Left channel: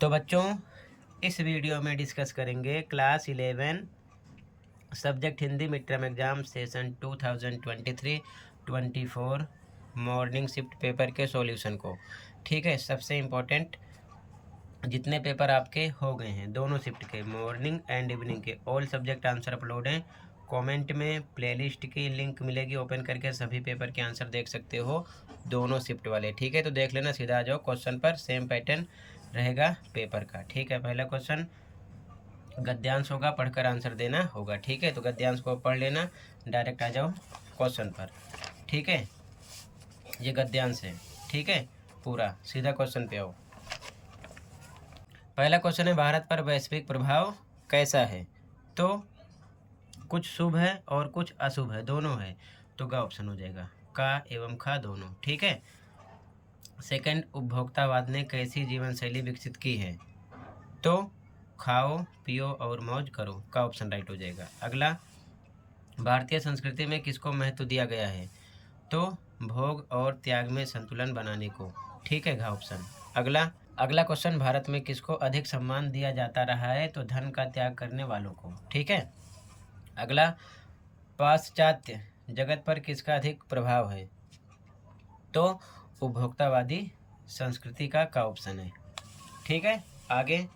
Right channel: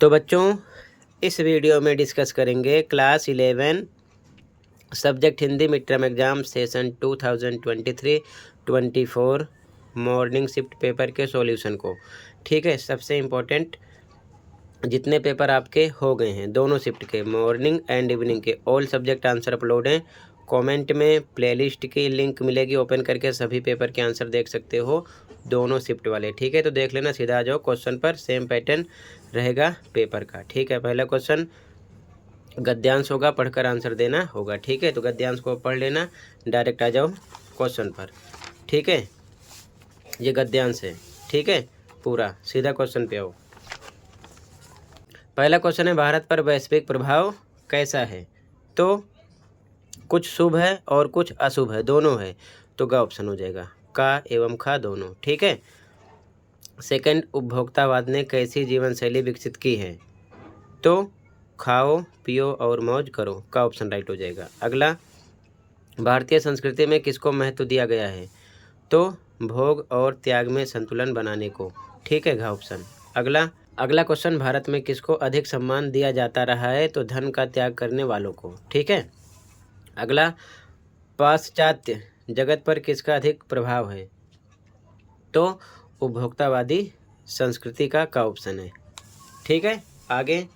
तो बच्चों, इस वीडियो में डिस्कस करेंगे class 11 subject Hindi mid term exam session 2023-24 morning shift paper के सॉल्यूशन को। ठीक है, सबसे इम्पोर्टेंट जितने पेपर आपके हो गए हैं दोनों शिफ्ट के, मॉर्निंग एंड इवनिंग के, ऑल सब्जेक्ट आंसर अपलोड हैं। कमेंट में प्लेलिस्ट की लिंक मिलेगी, ओपन करके सभी पेपर के आंसर देख सकते हो, दोनों शिफ्ट वाले। ठीक है, तो देख लेना, सीधा आ जाओ क्वेश्चन पर। सेम पैटर्न रहेगा पेपर का। ठीक है, पहला क्वेश्चन गद्यांश होगा, पढ़कर आंसर देना होगा। ठीक है, तो गद्यांश को पढ़ लेना, डायरेक्ट आ जाओ क्वेश्चन पर। ठीक है, ये गद्यांश है। ठीक है, पूरा सीधा क्वेश्चन पे आओ। पहला क्वेश्चन है, भारत पर वैश्विक प्रभाव कैसा है? तो कुछ शुभ है और कुछ अशुभ है, दोनों है, तो ग ऑप्शन हो जाएगा, का एवं खा दोनों। ठीक है। सेकंड, उपभोक्तावाद ने कैसी जीवन शैली विकसित की है? तो खाओ पियो और मौज करो, का ऑप्शन राइट हो जाएगा। अगला, भारतीय संस्कृति में किसको महत्व दिया गया है? तो भोग और त्याग में संतुलन बनाने को। ठीक है, घा ऑप्शन। अगला क्वेश्चन, भारत में किसको अधिक सम्मान दिया जाता रहा है? तो धन का त्याग करने वालों को। ठीक है। अगला, पाश्चात्य जगत पर किसका अधिक प्रभाव है? तो उपभोक्तावादी संस्कृति का ऑप्शन है। ठीक है, आगे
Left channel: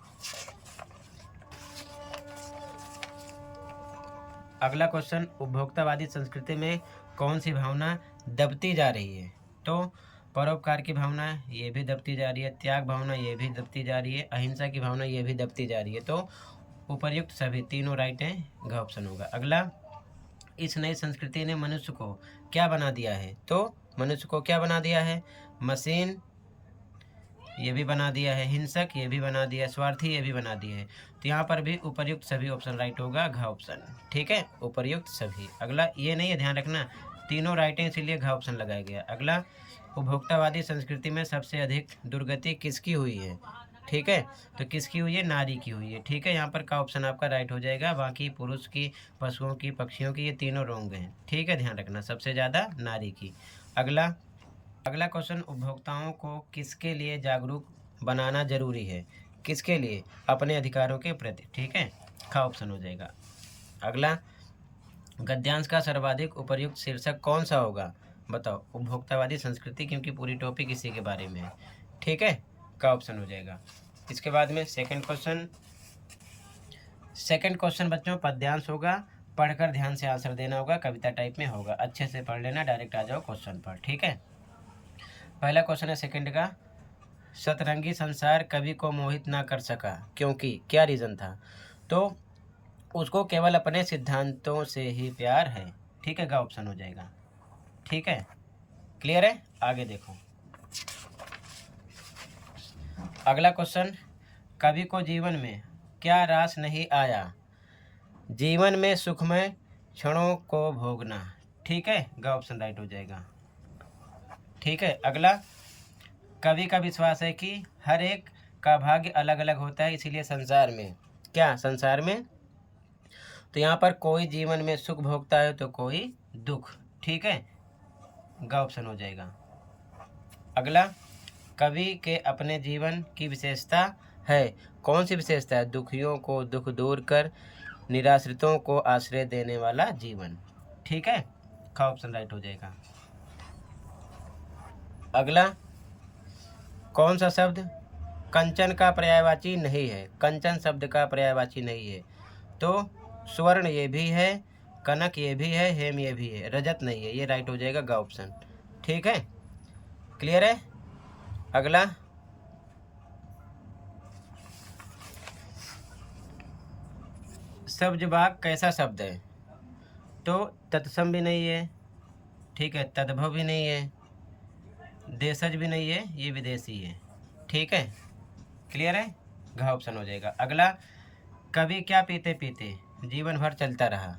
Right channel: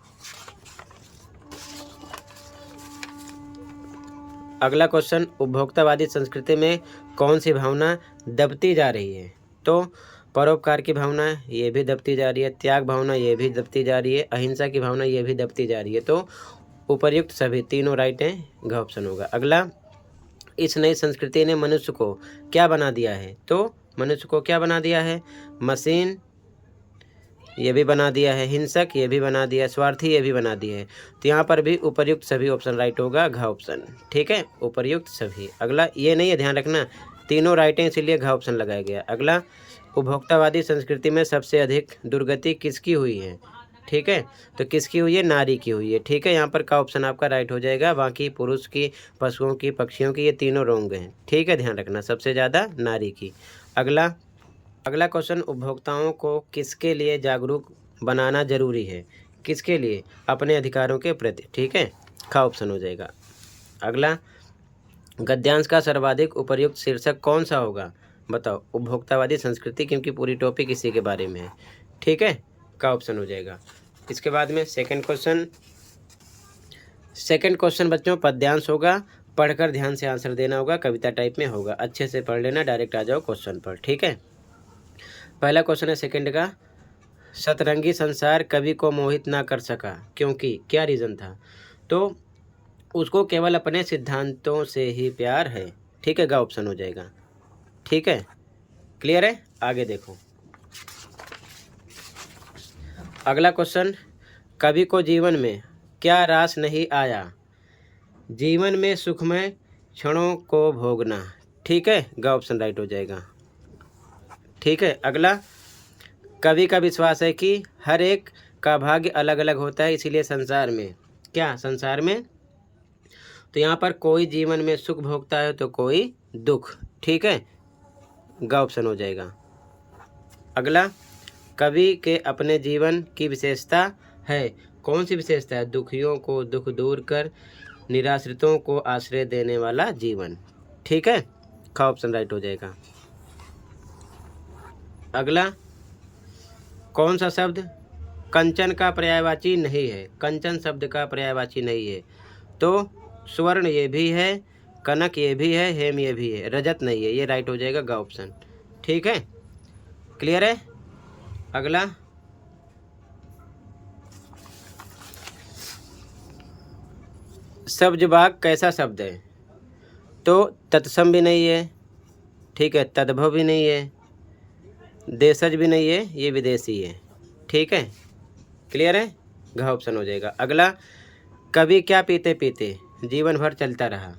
अगला क्वेश्चन, उपभोक्तावादी संस्कृति में कौन सी भावना दबती जा रही है? तो परोपकार की भावना, ये भी दबती जा रही है, त्याग भावना ये भी दबती जा रही है, अहिंसा की भावना ये भी दबती जा रही है। तो उपर्युक्त सभी तीनों राइट हैं, घ ऑप्शन होगा। अगला, इस नई संस्कृति ने मनुष्य को क्या बना दिया है? तो मनुष्य को क्या बना दिया है? मशीन ये भी बना दिया है, हिंसक ये भी बना दिया है, स्वार्थी ये भी बना दिया है। तो यहाँ पर भी उपर्युक्त सभी ऑप्शन राइट होगा, घ ऑप्शन। ठीक है, उपर्युक्त सभी। अगला ये नहीं है, ध्यान रखना, तीनों राइट हैं इसीलिए घ ऑप्शन लगाया गया। अगला, उपभोक्तावादी संस्कृति में सबसे अधिक दुर्गति किसकी हुई है? ठीक है, तो किसकी हुई है? नारी की हुई है। ठीक है, यहाँ पर का ऑप्शन आपका राइट हो जाएगा, बाकी पुरुष की, पशुओं की, पक्षियों की, ये तीनों रॉन्ग हैं। ठीक है, ध्यान रखना, सबसे ज़्यादा नारी की। अगला क्वेश्चन, उपभोक्ताओं को किसके लिए जागरूक बनाना जरूरी है? किसके लिए? अपने अधिकारों के प्रति। ठीक है, खा ऑप्शन हो जाएगा। अगला, गद्यांश का सर्वाधिक उपयुक्त शीर्षक कौन सा होगा? बताओ, उपभोक्तावादी संस्कृति, क्योंकि पूरी टॉपिक इसी के बारे में है। ठीक है, का ऑप्शन हो जाएगा। इसके बाद में सेकंड क्वेश्चन बच्चों पद्यांश होगा, पढ़कर ध्यान से आंसर देना होगा, कविता टाइप में होगा, अच्छे से पढ़ लेना, डायरेक्ट आ जाओ क्वेश्चन पर। ठीक है, पहला क्वेश्चन है सेकंड का, सतरंगी संसार कवि को मोहित ना कर सका क्योंकि क्या रीज़न था? तो उसको केवल अपने सिद्धांतों से ही प्यार है। ठीक है, गा ऑप्शन हो जाएगा। ठीक है, क्लियर है, आगे देखो। अगला क्वेश्चन, कवि को जीवन में क्या रास नहीं आया? जीवन में सुखमय क्षणों को भोगना। ठीक है, गा ऑप्शन राइट हो जाएगा। ठीक है, अगला, कवि का विश्वास है कि हर एक का भाग्य अलग अलग होता है, इसीलिए संसार में तो यहाँ पर कोई जीवन में सुख भोगता है तो कोई दुख। ठीक है, ग ऑप्शन हो जाएगा। अगला, कवि के अपने जीवन की विशेषता है, कौन सी विशेषता है? दुखियों को दुख दूर कर निराश्रितों को आश्रय देने वाला जीवन। ठीक है, ख ऑप्शन राइट हो जाएगा। अगला, कौन सा शब्द कंचन का पर्यायवाची नहीं है? कंचन शब्द का पर्यायवाची नहीं है। तो स्वर्ण ये भी है, कनक ये भी है, हेम ये भी है, रजत नहीं है, ये राइट हो जाएगा, ग ऑप्शन। ठीक है, क्लियर है। अगला, सब्जबाग कैसा शब्द है? तो तत्सम भी नहीं है, ठीक है, तद्भव भी नहीं है, देशज भी नहीं है, ये विदेशी है। ठीक है, क्लियर है, घ ऑप्शन हो जाएगा। अगला, कभी क्या पीते पीते जीवन भर चलता रहा?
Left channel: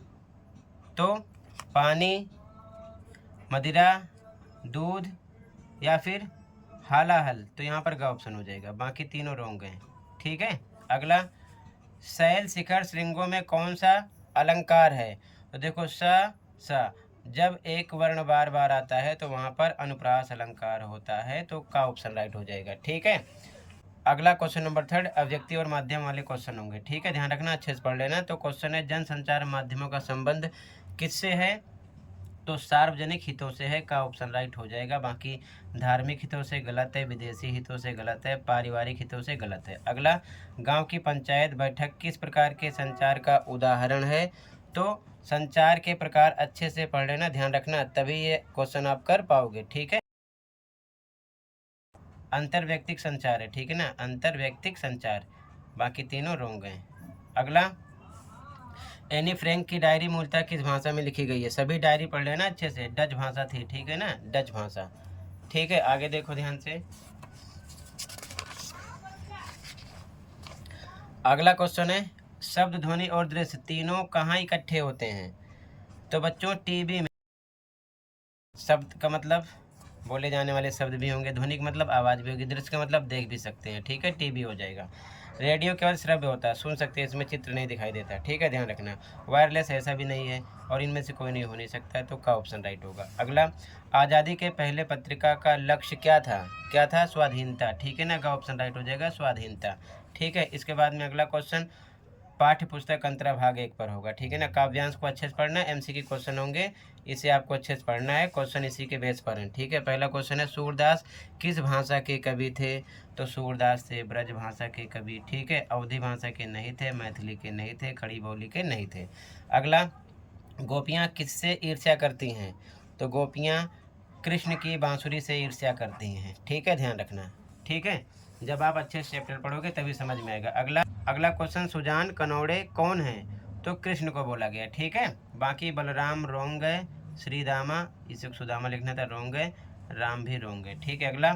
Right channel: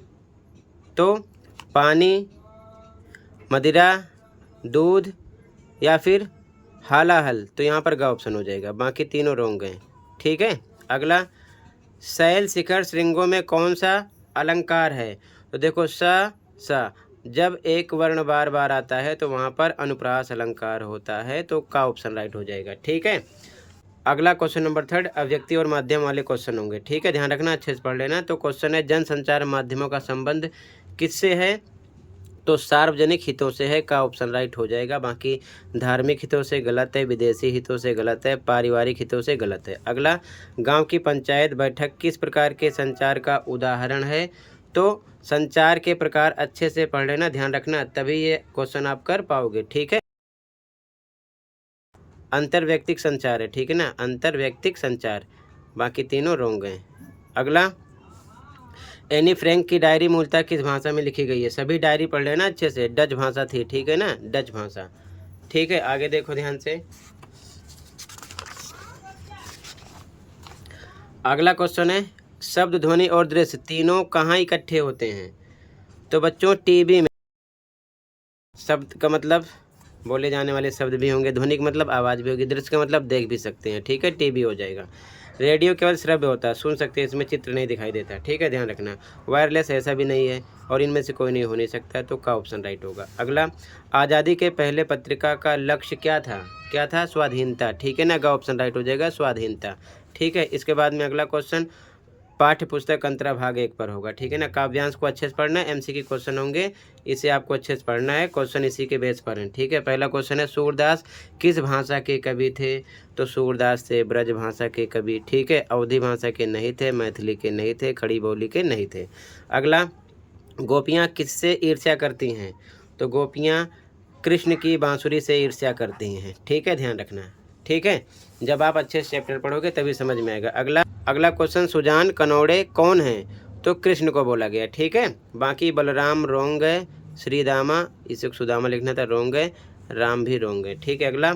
तो पानी, मदिरा, दूध या फिर हालाहल, तो यहाँ पर ग ऑप्शन हो जाएगा, बाकी तीनों रॉन्ग हैं। ठीक है, अगला, शैल शिखर श्रृंगों में कौन सा अलंकार है? तो देखो सा जब एक वर्ण बार बार आता है तो वहाँ पर अनुप्रास अलंकार होता है, तो का ऑप्शन राइट हो जाएगा। ठीक है, अगला क्वेश्चन नंबर 3 अव्यक्ति और माध्यम वाले क्वेश्चन होंगे, ठीक है, ध्यान रखना, अच्छे से पढ़ लेना। तो क्वेश्चन है जनसंचार माध्यमों का संबंध किससे है? तो सार्वजनिक हितों से है का ऑप्शन राइट हो जाएगा। बाकी धार्मिक हितों से गलत है, विदेशी हितों से गलत है, पारिवारिक हितों से गलत है। अगला गांव की पंचायत बैठक किस प्रकार के संचार का उदाहरण है? तो संचार के प्रकार अच्छे से पढ़ लेना, ध्यान रखना, तभी ये क्वेश्चन आप कर पाओगे, ठीक है। अंतर्व्यक्तिक संचार है, ठीक है ना, अंतर्व्यक्तिक संचार, बाकी तीनों रोंग हैं। अगला एनी फ्रैंक की डायरी मूलतः किस भाषा में लिखी गई है? सभी डायरी पढ़ लेना अच्छे से, डच भाषा थी, ठीक है ना, डच भाषा, ठीक है। आगे देखो ध्यान से, अगला क्वेश्चन है शब्द, ध्वनि और दृश्य तीनों कहाँ इकट्ठे होते हैं? तो बच्चों टीवी में। शब्द का मतलब बोले जाने वाले शब्द भी होंगे, ध्वनि का मतलब आवाज़ भी होगी, दृश्य का मतलब देख भी सकते हैं, ठीक है, टीवी हो जाएगा। रेडियो केवल श्रव्य होता है, सुन सकते हैं, इसमें चित्र नहीं दिखाई देता, ठीक है, ध्यान रखना। वायरलेस ऐसा भी नहीं है, और इनमें से कोई नहीं हो नहीं सकता, तो का ऑप्शन राइट होगा। अगला आज़ादी के पहले पत्रिका का लक्ष्य क्या था? क्या था? स्वाधीनता, ठीक है ना, का ऑप्शन राइट हो जाएगा, स्वाधीनता, ठीक है। इसके बाद में अगला क्वेश्चन पाठ्य पुस्तक अंतरा भाग 1 पर होगा, ठीक है ना। काव्यांश को अच्छे से पढ़ना है, एमसीक्यू क्वेश्चन होंगे, इसे आपको अच्छे से पढ़ना है, क्वेश्चन इसी के बेस पर है, ठीक है। पहला क्वेश्चन है सूरदास किस भाषा के कवि थे? तो सूरदास थे ब्रज भाषा के कवि, ठीक है, अवधी भाषा के नहीं थे, मैथिली के नहीं थे, खड़ी बोली के नहीं थे। अगला गोपियाँ किससे ईर्ष्या करती हैं? तो गोपियाँ कृष्ण की बांसुरी से ईर्ष्या करती हैं, ठीक है, ध्यान रखना, ठीक है। जब आप अच्छे से चैप्टर पढ़ोगे तभी समझ में आएगा। अगला क्वेश्चन सुजान कनौड़े कौन है? तो कृष्ण को बोला गया, ठीक है। बाकी बलराम रोंग है, श्रीदामा, इसे सुदामा लिखना था, रोंग है, राम भी रोंग है, ठीक है। अगला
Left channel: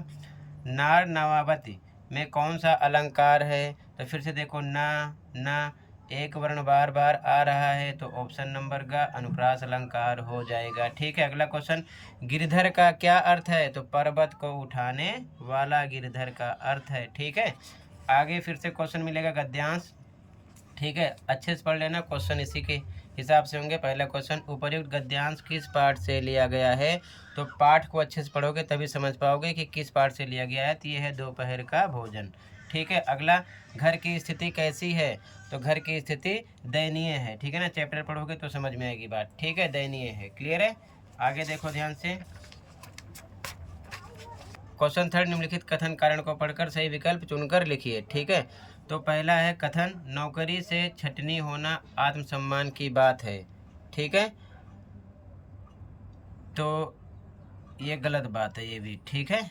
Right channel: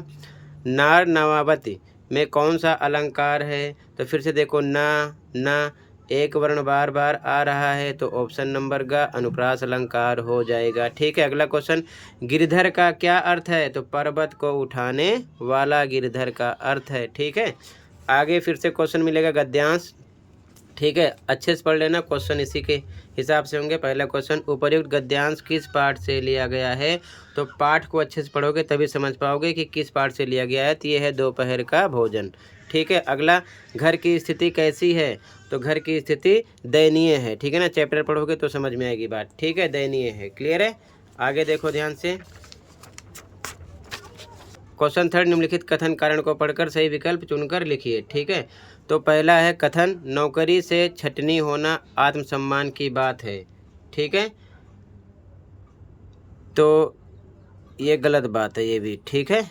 नार नवावती में कौन सा अलंकार है? तो फिर से देखो, ना एक वर्ण बार बार आ रहा है, तो ऑप्शन नंबर का अनुप्रास अलंकार हो जाएगा, ठीक है। अगला क्वेश्चन गिरधर का क्या अर्थ है? तो पर्वत को उठाने वाला गिरधर का अर्थ है, ठीक है। आगे फिर से क्वेश्चन मिलेगा गद्यांश, ठीक है, अच्छे से पढ़ लेना, क्वेश्चन इसी के हिसाब से होंगे। पहला क्वेश्चन उपयुक्त गद्यांश किस पाठ से लिया गया है? तो पाठ को अच्छे से पढ़ोगे तभी समझ पाओगे कि किस पाठ से लिया गया है। तो ये है दोपहर का भोजन, ठीक है। अगला घर की स्थिति कैसी है? तो घर की स्थिति दयनीय है, ठीक है ना, चैप्टर पढ़ोगे तो समझ में आएगी बात, ठीक है, दयनीय है, क्लियर है। आगे देखो ध्यान से, क्वेश्चन 3 निम्नलिखित कथन कारण को पढ़कर सही विकल्प चुनकर लिखिए, ठीक है। तो पहला है कथन नौकरी से छटनी होना आत्मसम्मान की बात है, ठीक है, तो ये गलत बात है, ये भी, ठीक है।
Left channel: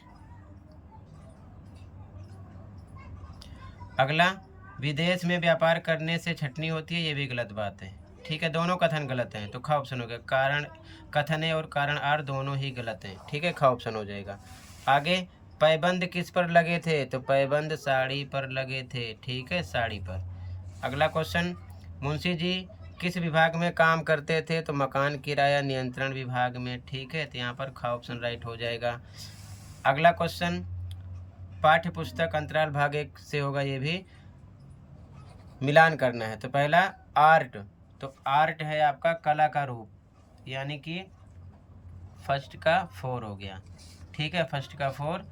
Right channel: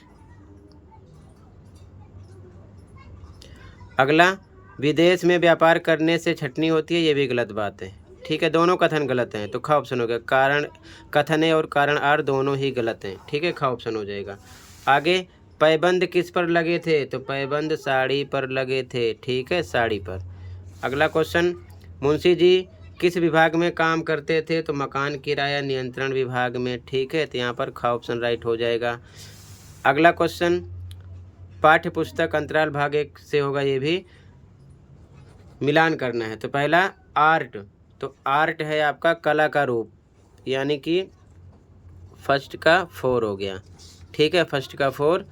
अगला विदेश में व्यापार करने से छटनी होती है, ये भी गलत बात है, ठीक है, दोनों कथन गलत हैं, तो खा ऑप्शन हो गया। कारण कथन है और कारण आर दोनों ही गलत हैं, ठीक है, खा ऑप्शन हो जाएगा। आगे पैबंद किस पर लगे थे? तो पैबंद साड़ी पर लगे थे, ठीक है, साड़ी पर। अगला क्वेश्चन मुंशी जी किस विभाग में काम करते थे? तो मकान किराया नियंत्रण विभाग में, ठीक है, तो यहाँ पर खा ऑप्शन राइट हो जाएगा। अगला क्वेश्चन पाठ्य पुस्तक अंतराल भाग 1 से होगा, ये भी मिलान करना है। तो पहला आर्ट, तो आर्ट है आपका कला का रूप, यानी कि फर्स्ट का 4 हो गया, ठीक है, फर्स्ट का 4।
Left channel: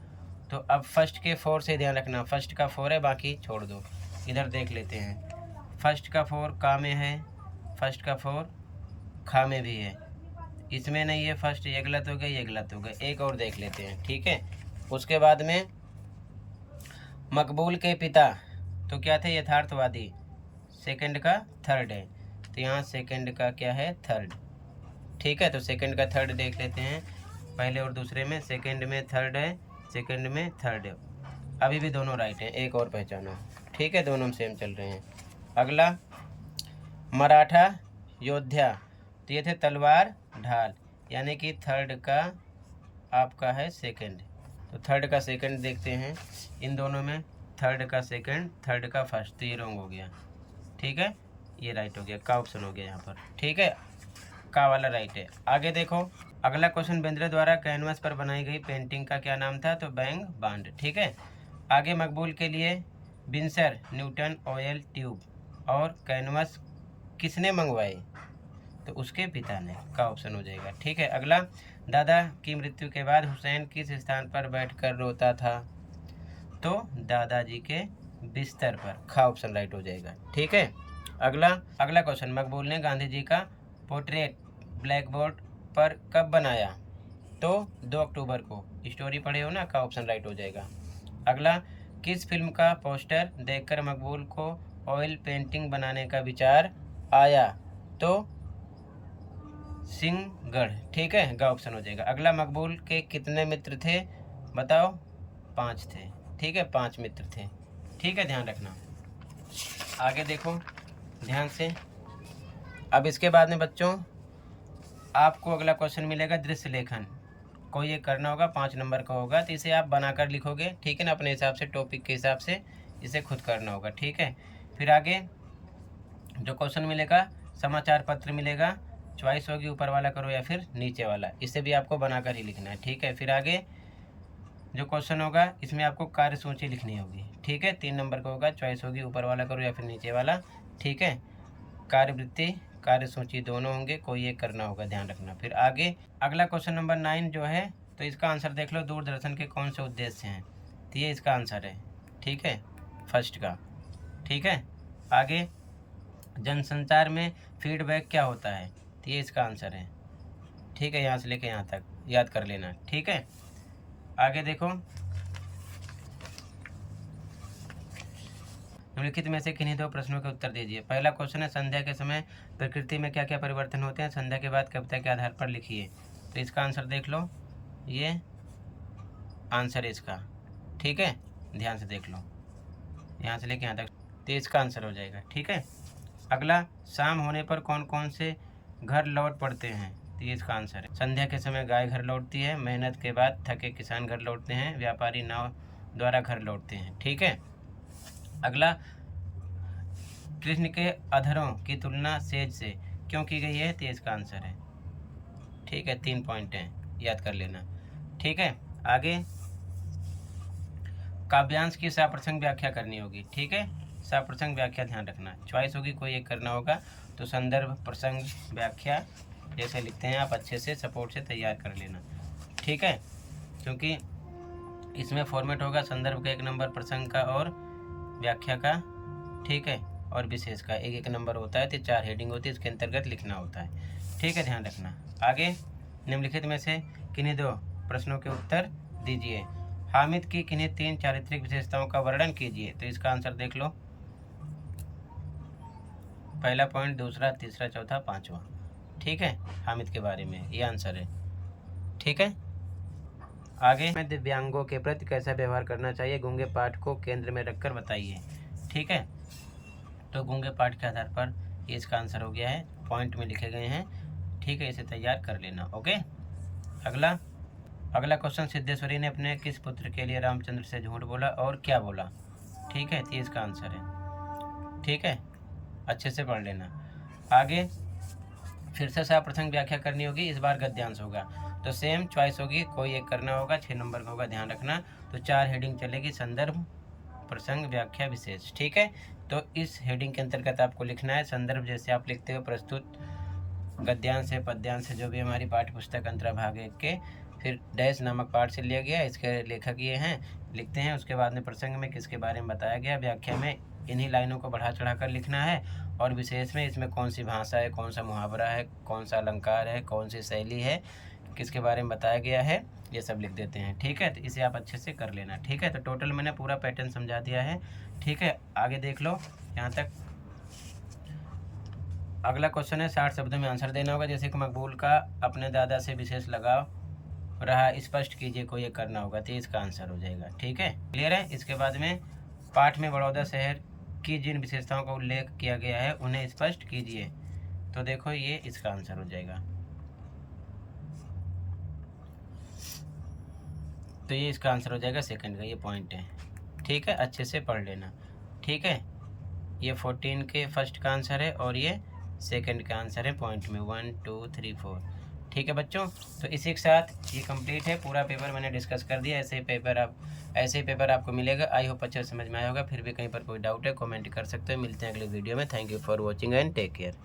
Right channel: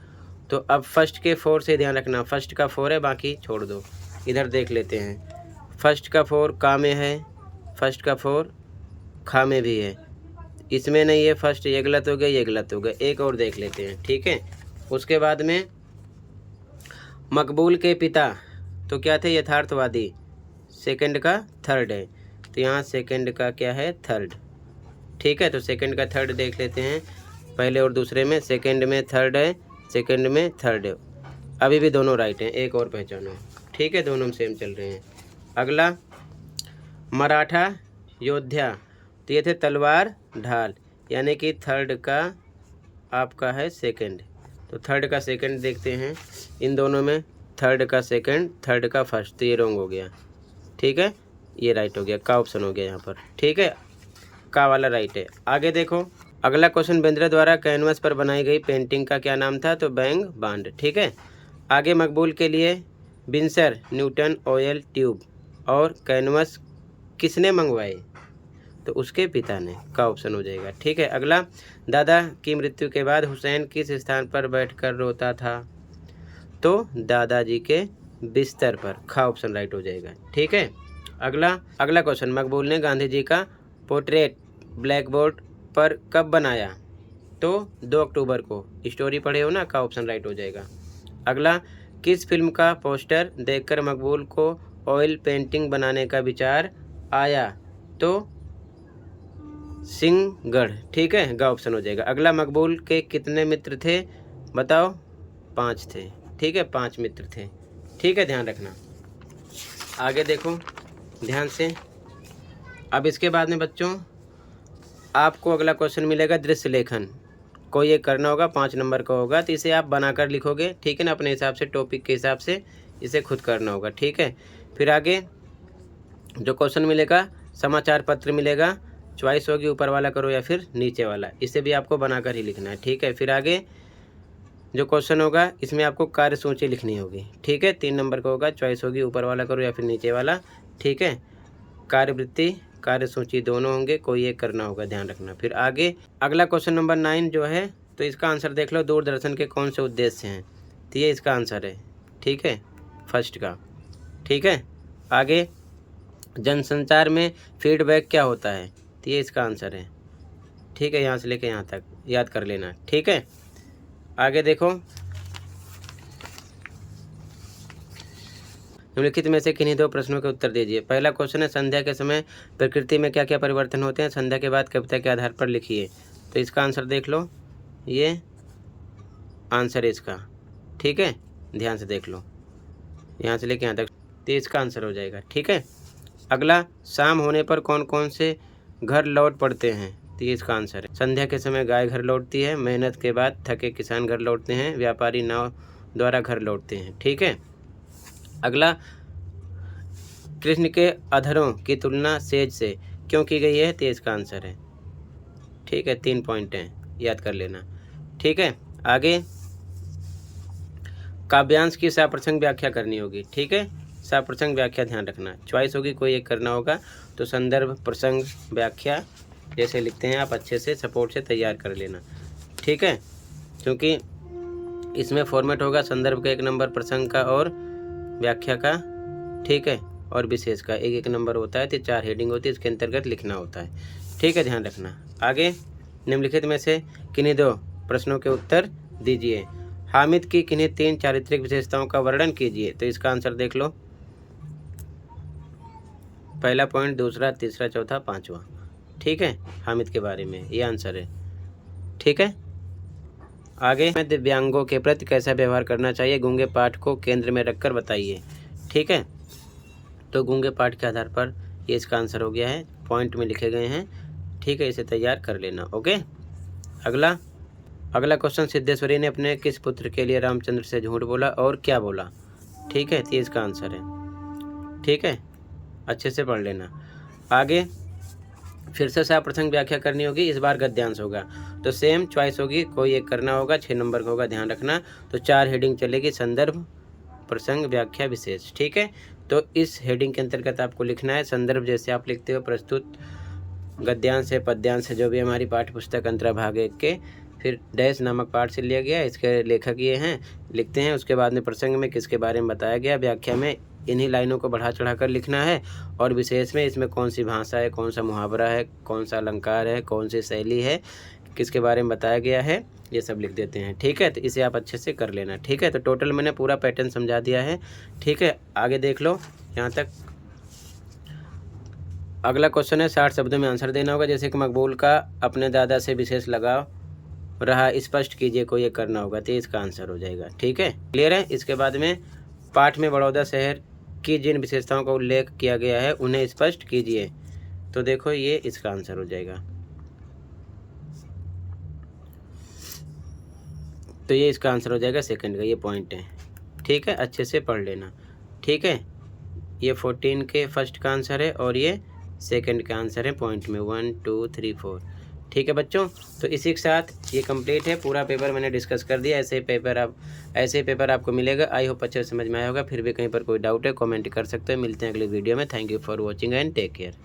तो अब फर्स्ट के 4 से ध्यान रखना, फर्स्ट का 4 है, बाकी छोड़ दो, इधर देख लेते हैं। फर्स्ट का 4 का में है, फर्स्ट का 4 खा में भी है, इसमें नहीं है फर्स्ट, ये गलत हो गया, ये गलत हो गया, एक और देख लेते हैं, ठीक है। उसके बाद में मकबूल के पिता तो क्या थे? यथार्थवादी, सेकंड का 3rd है, तो यहाँ सेकंड का क्या है? 3rd, ठीक है। तो सेकंड का 3rd देख लेते हैं, पहले और दूसरे में सेकंड में 3rd है, सेकंड में 3rd है, अभी भी दोनों राइट हैं, एक और पहचानो, ठीक है, दोनों सेम चल रहे हैं। अगला मराठा योद्धा, तो ये थे तलवार ढाल, यानी कि 3rd का आपका है सेकंड, तो 3rd का सेकंड देखते हैं, इन दोनों में 3rd का सेकंड, 3rd का फर्स्ट, तो ये रॉन्ग हो गया, ठीक है, ये राइट हो गया, का ऑप्शन हो गया यहाँ पर, ठीक है, का वाला राइट है। आगे देखो अगला क्वेश्चन बेंद्रे द्वारा कैनवस पर बनाई गई पेंटिंग का क्या नाम था? तो बैंग बांड, ठीक है। आगे मकबूल के लिए विंसर न्यूटन ऑयल ट्यूब और कैनवस किसने मंगवाए? तो उसके पिता ने, का ऑप्शन हो जाएगा, ठीक है। अगला दादा की मृत्यु के बाद हुसैन किस स्थान पर बैठकर रोता था? तो दादाजी के बिस्तर पर। खा ऑप्शन राइट हो जाएगा। ठीक है, अगला क्वेश्चन, मकबूल ने गांधी जी का पोर्ट्रेट ब्लैक बोर्ड पर कब बनाया? तो 2 अक्टूबर को। स्टोरी पढ़े हो ना, का ऑप्शन राइट हो जाएगा। अगला, किस फिल्म का पोस्टर देखकर मकबूल को ऑयल पेंटिंग बनाने का विचार आया? तो सिंहगढ़। ठीक है, गा ऑप्शन हो जाएगा। अगला, मकबूल के कितने मित्र थे? बताओ। 5 थे। ठीक है, 5 मित्र थे। ठीक है, ध्यान रखना। आगे देखो ध्यान से। अब इसके बाद में बच्चों आपको अगला क्वेश्चन मिलेगा दृश्य लेखन। कोई ये करना होगा, 5 नंबर का होगा, तो इसे आप बनाकर लिखोगे। ठीक है ना, अपने हिसाब से, टॉपिक के हिसाब से इसे खुद करना होगा। ठीक है, फिर आगे जो क्वेश्चन मिलेगा, समाचार पत्र मिलेगा, चॉइस होगी ऊपर वाला करो या फिर नीचे वाला, इसे भी आपको बनाकर ही लिखना है। ठीक है, फिर आगे जो क्वेश्चन होगा इसमें आपको कार्य सूची लिखनी होगी। ठीक है, 3 नंबर का होगा, चॉइस होगी ऊपर वाला करो या फिर नीचे वाला। ठीक है, कार्यवृत्ति कार्य सूची दोनों होंगे, कोई एक करना होगा, ध्यान रखना। फिर आगे अगला क्वेश्चन नंबर 9 जो है, तो इसका आंसर देख लो, दूरदर्शन के कौन से उद्देश्य हैं? तो ये इसका आंसर है। ठीक है, फर्स्ट का। ठीक है, आगे जनसंचार में फीडबैक क्या होता है? तो ये इसका आंसर है। ठीक है, यहाँ से लेके यहाँ तक याद कर लेना। ठीक है, आगे देखो, निम्नलिखित में से किन्हीं 2 प्रश्नों के उत्तर दीजिए। पहला क्वेश्चन है, संध्या के समय प्रकृति में क्या क्या परिवर्तन होते हैं? संध्या के बाद कविता के आधार पर लिखिए। तो इसका आंसर देख लो, ये आंसर है इसका। ठीक है, ध्यान से देख लो, यहाँ से लेके यहाँ तक, तो इसका आंसर हो जाएगा। ठीक है, अगला, शाम होने पर कौन कौन से घर लौट पड़ते हैं? तो ये इसका आंसर है। संध्या के समय गाय घर लौटती है, मेहनत के बाद थके किसान घर लौटते हैं, व्यापारी नाव द्वारा घर लौटते हैं। ठीक है, अगला, कृष्ण के अधरों की तुलना सेज से क्यों की गई है? तो इसका आंसर है। ठीक है, 3 पॉइंट हैं, याद कर लेना। ठीक है, आगे काव्यांश की सप्रसंग व्याख्या करनी होगी। ठीक है, सप्रसंग व्याख्या ध्यान रखना, चॉइस होगी, कोई एक करना होगा। तो संदर्भ प्रसंग व्याख्या जैसे लिखते हैं आप, अच्छे से सपोर्ट से तैयार कर लेना। ठीक है, क्योंकि इसमें फॉर्मेट होगा संदर्भ का 1 नंबर, प्रसंग का और व्याख्या का। ठीक है, और विशेष का 1-1 नंबर होता है, तो 4 हेडिंग होती है, इसके अंतर्गत लिखना होता है। ठीक है, ध्यान रखना। आगे निम्नलिखित में से किन्हीं 2 प्रश्नों के उत्तर दीजिए। हामिद की किन्हीं 3 चारित्रिक विशेषताओं का वर्णन कीजिए। तो इसका आंसर देख लो, पहला पॉइंट, दूसरा, तीसरा, चौथा, 5वां। ठीक है, हामिद के बारे में ये आंसर है। ठीक है, आगे में दिव्यांगों के प्रति कैसा व्यवहार करना चाहिए? गूंगे पाठ को केंद्र में रखकर बताइए। ठीक है, तो गूंगे पाठ के आधार पर ये इसका आंसर हो गया है, पॉइंट में लिखे गए हैं। ठीक है, इसे तैयार कर लेना। ओके, अगला क्वेश्चन, सिद्धेश्वरी ने अपने किस पुत्र के लिए रामचंद्र से झूठ बोला और क्या बोला? ठीक है, तो इसका आंसर है। ठीक है, अच्छे से पढ़ लेना। आगे फिर से सप्रसंग व्याख्या करनी होगी, इस बार गद्यांश होगा, तो सेम चॉइस होगी, कोई एक करना होगा, 6 नंबर का होगा, ध्यान रखना। तो 4 हेडिंग चलेगी, संदर्भ प्रसंग व्याख्या विशेष। ठीक है, तो इस हेडिंग के अंतर्गत आपको लिखना है संदर्भ, जैसे आप लिखते हो प्रस्तुत, गद्यांश है, पद्यांश है, जो भी हमारी पाठ्य पुस्तक अंतर्भाग 1 के, फिर डैश नामक पाठ से लिया गया, इसके लेखक ये हैं, लिखते हैं। उसके बाद में प्रसंग में किसके बारे में बताया गया, व्याख्या में इन्हीं लाइनों को बढ़ा चढ़ा कर लिखना है, और विशेष में इसमें कौन सी भाषा है, कौन सा मुहावरा है, कौन सा अलंकार है, कौन सी शैली है, किसके बारे में बताया गया है, ये सब लिख देते हैं। ठीक है, तो इसे आप अच्छे से कर लेना। ठीक है, तो टोटल मैंने पूरा पैटर्न समझा दिया है। ठीक है, आगे देख लो यहाँ तक। अगला क्वेश्चन है, 60 शब्दों में आंसर देना होगा। जैसे कि मकबूल का अपने दादा से विशेष लगाव रहा, स्पष्ट कीजिए, कोई ये करना होगा, तो इसका आंसर हो जाएगा। ठीक है, क्लियर है। इसके बाद में पाठ में बड़ौदा शहर की जिन विशेषताओं का उल्लेख किया गया है उन्हें स्पष्ट कीजिए। तो देखो ये इसका आंसर हो जाएगा। तो ये इसका आंसर हो जाएगा, सेकंड का ये पॉइंट है। ठीक है, अच्छे से पढ़ लेना। ठीक है, ये 14 के फर्स्ट का आंसर है और ये सेकंड का आंसर है, पॉइंट में 1 2 3 4। ठीक है बच्चों, तो इसी के साथ ये कंप्लीट है, पूरा पेपर मैंने डिस्कस कर दिया। ऐसे ही पेपर आपको मिलेगा। आई होप अच्छे समझ में आया होगा। फिर भी कहीं पर कोई डाउट है कमेंट कर सकते हो। मिलते हैं अगले वीडियो में। Thank you for watching and take care.